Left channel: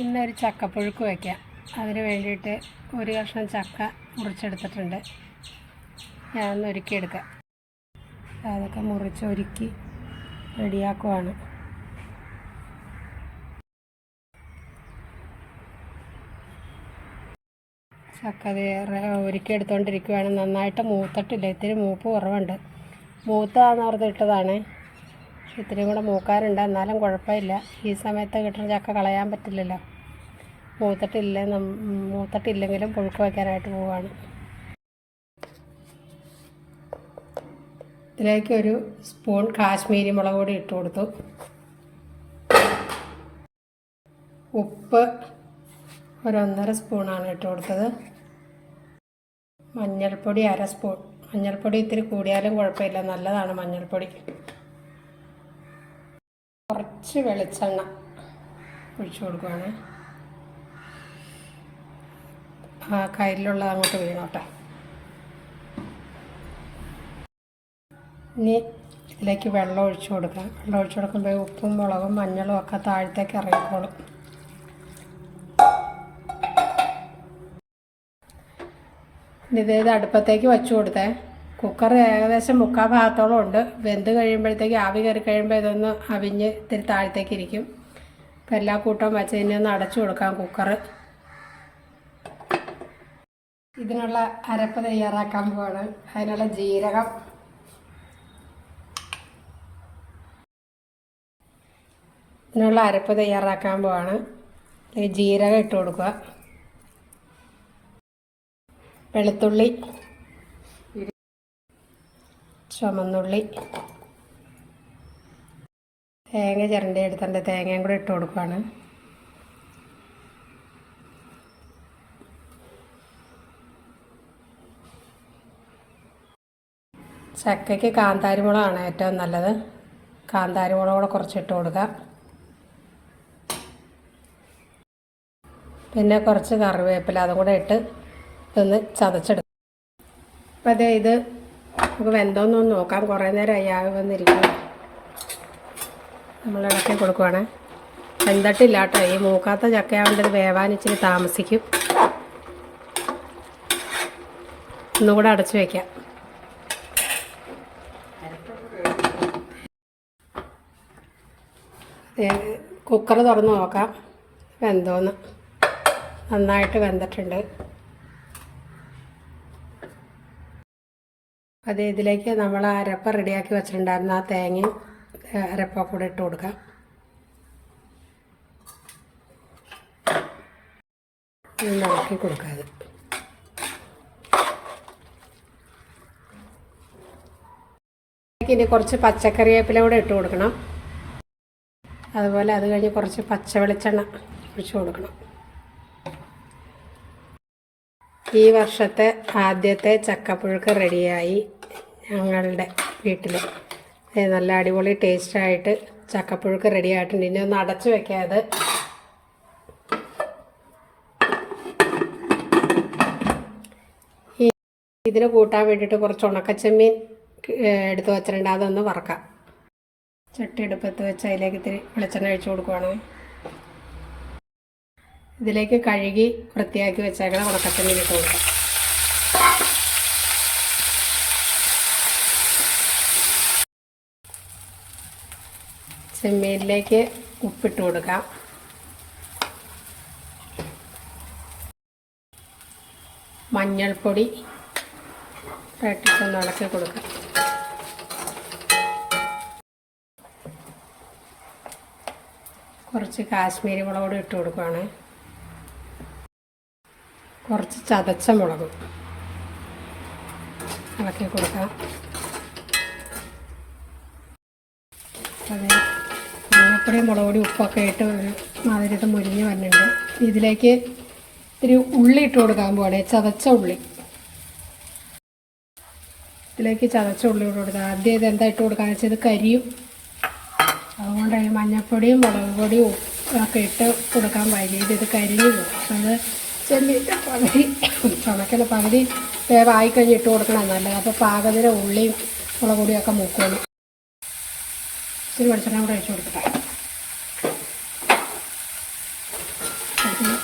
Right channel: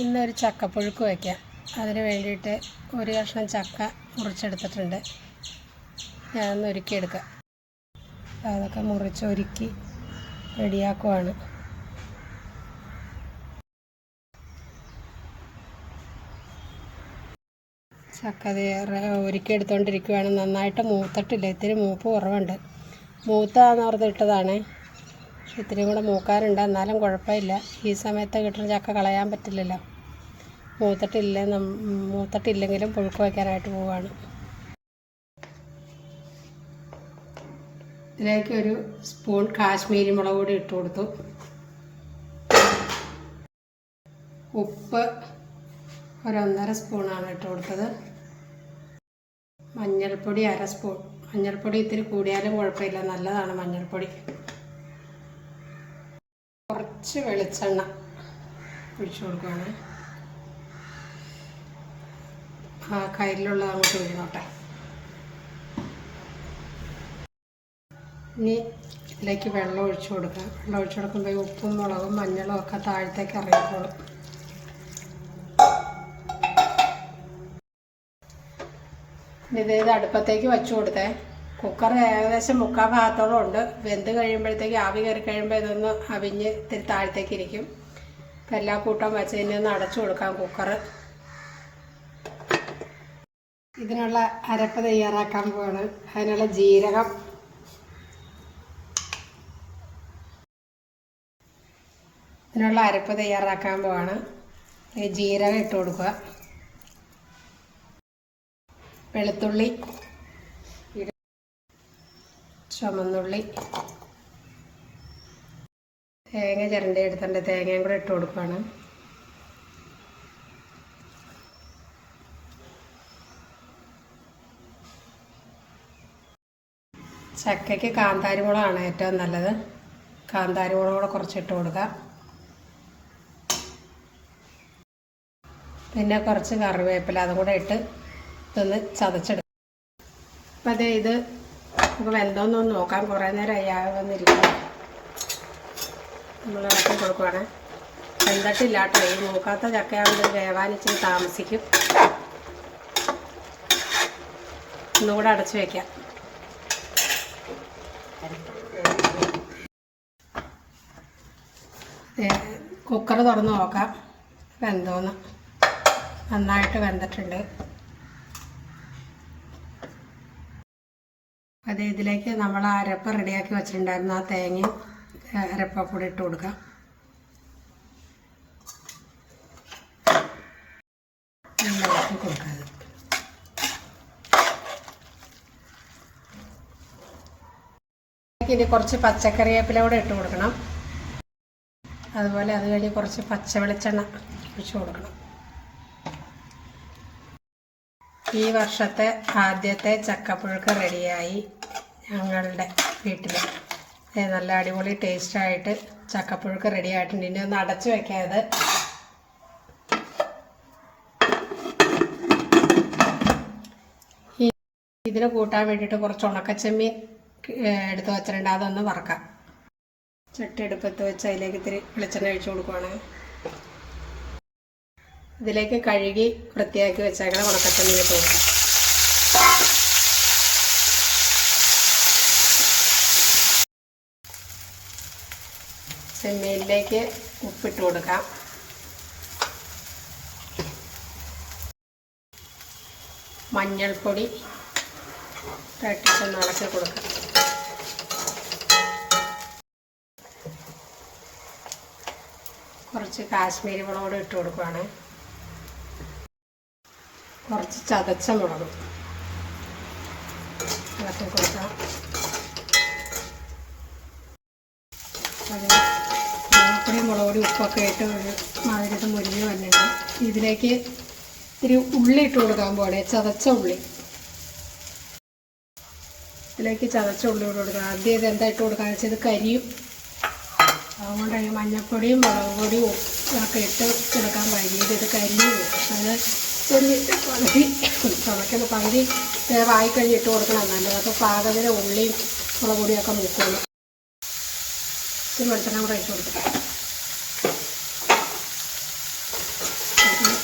ഇന്നൊരു ചക്കപ്പുഴുക്ക് വയ്ക്കാം. അതിന് വേണ്ടിയിട്ട് ഒരു കഷ്ണം ചക്ക മുറിച്ചെടുത്തിട്ടുണ്ട്. ഞാനൊന്ന് ഒരുക്കിയെടുക്കാം. അതൊക്കെ മുറിച്ച് ഒരുക്കി റെഡിയാക്കുവാണ്. ചക്ക അത് ഒരുക്കി എടുത്തുകൊണ്ടിരിക്കുവാണ് നന്നായിട്ട് മൂത്തിട്ടില്ല. ഇത്തിരി മൂപ്പ് കുറവുണ്ട്. മൂത്താന്ന് പക്ഷെ ഇത്തിരി കൂടെ മൂക്കാറുണ്ട് എന്നാലും കുഴപ്പമില്ല. ഈ സമയത്ത് കിട്ടുന്ന ചക്ക കളയാൻ പറ്റില്ലല്ലോ. മൂത്തിട്ടില്ല മൂത്തിട്ടില്ലെങ്കിലും പുഴുക്ക് വയ്ക്കാനായിട്ട് പോവുകയാണ് ഇതിലേക്ക് ഒരു സ്പൂൺ കാശ്മീരി മുളക് പൊടി ഇട്ട് കൊടുത്തു. ഉപ്പ് ഒരു ഒന്നര സ്പൂണാണ് ഇട്ട് കൊടുത്തത്. മഞ്ഞൾപ്പൊടി അര സ്പൂൺ മഞ്ഞൾപ്പൊടി ഇത്തിരി കൂടിയാലും കുഴപ്പമില്ല. നല്ലതാണ് മഞ്ഞൾപ്പൊടി. കുറച്ച് വെളിച്ചെണ്ണ ഒഴിച്ചു കൊടുക്കുകയാണ് ആ കയ്യിലുള്ളത് അങ്ങോട്ട് വീണോട്ടെ. ഇനി ഇതിലേക്ക് വെള്ളം ഒഴിച്ചു കൊടുക്കാം. വെള്ളം ഒഴിച്ചു കൊടുക്കുമ്പോൾ ഉപ്പും മുളകും മഞ്ഞളും ഒക്കെ താഴത്തേക്ക് ഇറങ്ങിക്കോളും. ഇനി ഇതേത് അടുപ്പത്തേക്ക് വച്ചു കൊടുത്തേ. കുക്കർ ഏകദേശം മുക്കാൽ ഭാഗത്തോളം ഉണ്ട്. വെന്ത് കഴിയുമ്പോഴത്തേക്ക് ആവി കയറി കഴിയുമ്പോൾ ഇതൊന്ന് അവിഞ്ഞ് ഇത്തിരി താഴത്തേക്ക് ഇരിക്കും. അപ്പം എല്ലാ കൂട്ടവും വെച്ച് ഇനി ഒന്ന് അടച്ചു കൊടുക്കാം കുക്കർ ഇതിനുള്ള അരപ്പ് തയ്യാറാക്കാൻ പോവാണ്. അതിനുള്ള ജീരകം. ഇതിനുള്ള അരപ്പ് തയ്യാറാക്കാൻ പോവാണ്. ജീരകം ഇട്ട് കൊടുക്കുക. വെളുത്തുള്ളി. ചുമന്നുള്ളി. തേങ്ങ ചിരണ്ടി എടുത്തിട്ടുണ്ട് തേങ്ങയും കൂടെ ഇട്ട് കൊടുക്കുകയാണ് ചക്കയ്ക്ക് കാന്താരി മുളകാണ് ഏറ്റവും നല്ലത്. കാന്താരി മുളക് കൂടെ കുറച്ച് ഇട്ട് കൊടുക്കുക പിന്നെ കുറച്ച് കറിവേപ്പില അതും കൂടെ ഇട്ട് ഇതൊന്ന് ചതച്ചെടുക്കുക അപ്പോൾ അതെ ഇത് നമുക്ക് വെന്തോന്നൊന്ന് നോക്കാം. കുറേ നേരം അയ്യാതെ വന്നിരിക്കുക നമ്മൾ ഇളക്കി കൊടുക്കുവാണ്. വെന്തട്ടില്ല കേട്ടോ. ഈ മൂക്കാത്ത ചക്കയാവുമ്പോൾ ഇത് വേവാൻ ഇച്ചിരി താമസിക്കും. ഒന്നുകൂടെ അടച്ചു വയ്ക്കാം കുക്കർ തുറന്ന് നോക്കാം. വെന്തോന്ന്. നന്നായിട്ട് വെന്തിട്ടുണ്ട്. അത് ഇതിലേക്ക് നമ്മൾ ആ അരപ്പ റെഡിയാക്കി വെച്ചിട്ടുണ്ടായിരുന്ന ആ തേങ്ങയും അരപ്പ കൂടെ ഇട്ട് കൊടുക്കാം. ഇളക്കി കൊടുക്കാം ഇനി കുറച്ച് പച്ചക്കറി വേപ്പില കൂടെ ഇട്ട് കൊടുക്കണം. അതുപോലെ അത് കഴിഞ്ഞ് കുറച്ച് പച്ച വെളിച്ചെണ്ണ ഒഴിച്ച് കൊടുക്കണം. ഈ വർഷത്തെ ആദ്യത്തെ ചക്കപ്പുഴുക്ക് റെഡിയായി. ഞങ്ങളുടെ വീട്ടിൽ നല്ല അടിപൊളി ടേസ്റ്റായിട്ട് ചക്കപ്പുഴുക്ക് റെഡി ആയിട്ടുണ്ട്. ഇനി ഒന്ന് അടച്ചു വെക്കാതെ. ഇതിന് കൂട്ടാൻ വേണ്ടിയിട്ട് കുറച്ച് ഉണക്കച്ചെമ്മീൻ എടുത്ത് വെച്ചിട്ടുണ്ട്. അതൊന്ന് വറക്കാം. ചട്ടി എടുപ്പത്ത് വെച്ച് അതിലേക്ക് ഇത്തിരി വെളിച്ചെണ്ണ ഒഴിച്ചു കൊടുക്കുവാണ്. ഇതിലേക്ക് കഴുകി വൃത്തിയാക്കി വെച്ചേക്കണം ഉണക്കച്ചെമ്മീൻ കൊടുക്കും. ചെമ്മീനിലേക്ക് ഉപ്പിട്ട് കൊടുക്കാം. മഞ്ഞൾപ്പൊടി തട്ടിച്ചൊന്ന് ഇളക്കി കൊടുക്കാം. കുറച്ച് കാശ്മീരി മുളക് ഇട്ട് കൊടുക്കുകയാണ് കുറച്ച് ചതച്ച മുളക് ഇളക്കി കൊടുക്കാം. മുളക് പൊടി ഉപ്പൊക്കെ ഇട്ട് മാതിരിട്ട് മുരിഞ്ഞ് വന്നിട്ടുണ്ട് ഇതിലേക്ക് ഒരു ഉള്ളി ഇട്ട് കൊടുക്കാൻ പോകണം ചതച്ച ഉള്ളി. ഇതിലേക്ക് ചതച്ച ഉള്ളി ഇട്ട് കൊടുക്കുക ആദ്യം ഇത് എന്താ ഇട്ട് കൊടുക്കാന്ന് വെച്ചാൽ ഇത് കരിയും അതുകൊണ്ട് മഞ്ഞപ്പൊടിയും മുളക് പൊടിയും ഒക്കെ ഇട്ട് കൊടുക്കാൻ വൈകിട്ട് ഇത് കരിയും അത് ചെന്നിട്ട് പകുതി ചുമക്കുന്ന പകുതി വേവായി കഴിഞ്ഞ് ഇട്ട് കൊടുക്കണം നല്ലത്. അപ്പോൾ പാകത്തിന് ഉള്ളിയും മുളക് പൊടിയൊക്കെ മുക്കുള്ളൂ. ഇച്ചിരി വെളിച്ചെണ്ണ കൂടെ ആവശ്യത്തിന്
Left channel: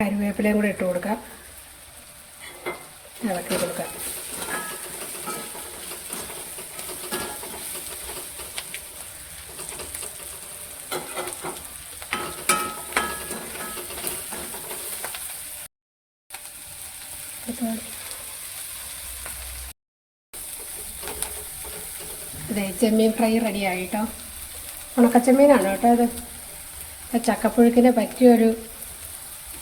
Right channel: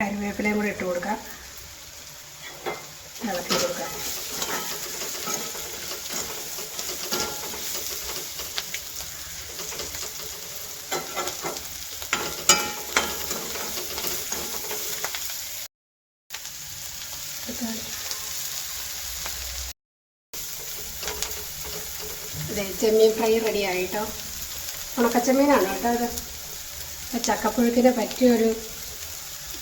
കറിവേപ്പിലയും കൂടെ ഇട്ട് കൊടുക്കാം. ഇളക്കി കൊടുക്കാം. ചെമ്മീൻ ഫ്രൈ റെഡി ആയിട്ടോ? ഉണക്കച്ചെമ്മീനാണ് കേട്ടോ ഇത്? ചക്കപ്പുഴുക്കിന് പറ്റിയൊരു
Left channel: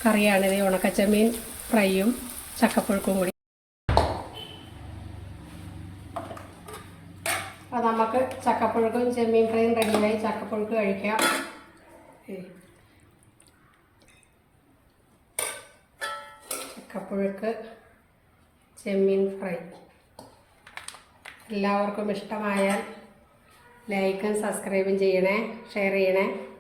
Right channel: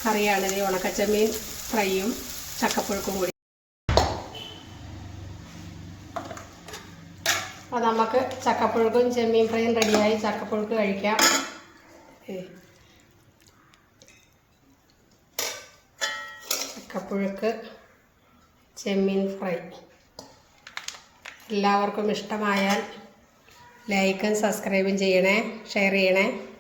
കറിയാണിത് ഈ ഉണക്കച്ചെമ്മീൻ ഫ്രൈയും ചക്കപ്പുഴുക്കും കൂടി. അപ്പം നമുക്ക് ചക്കപ്പുഴുക്കും ചെമ്മീൻ ഫ്രൈയും റെഡിയായി. ചക്കപ്പുഴുക്ക് കഴിക്കാം. ചക്കപ്പുഴുക്ക് ചെമ്മീൻ ഫ്രൈ. എല്ലാവർക്കും ഇഷ്ടമായാൽ ലൈക്കും സബ്സ്ക്രൈബും ചെയ്യണേ ഷെയർ ചെയ്യണേ.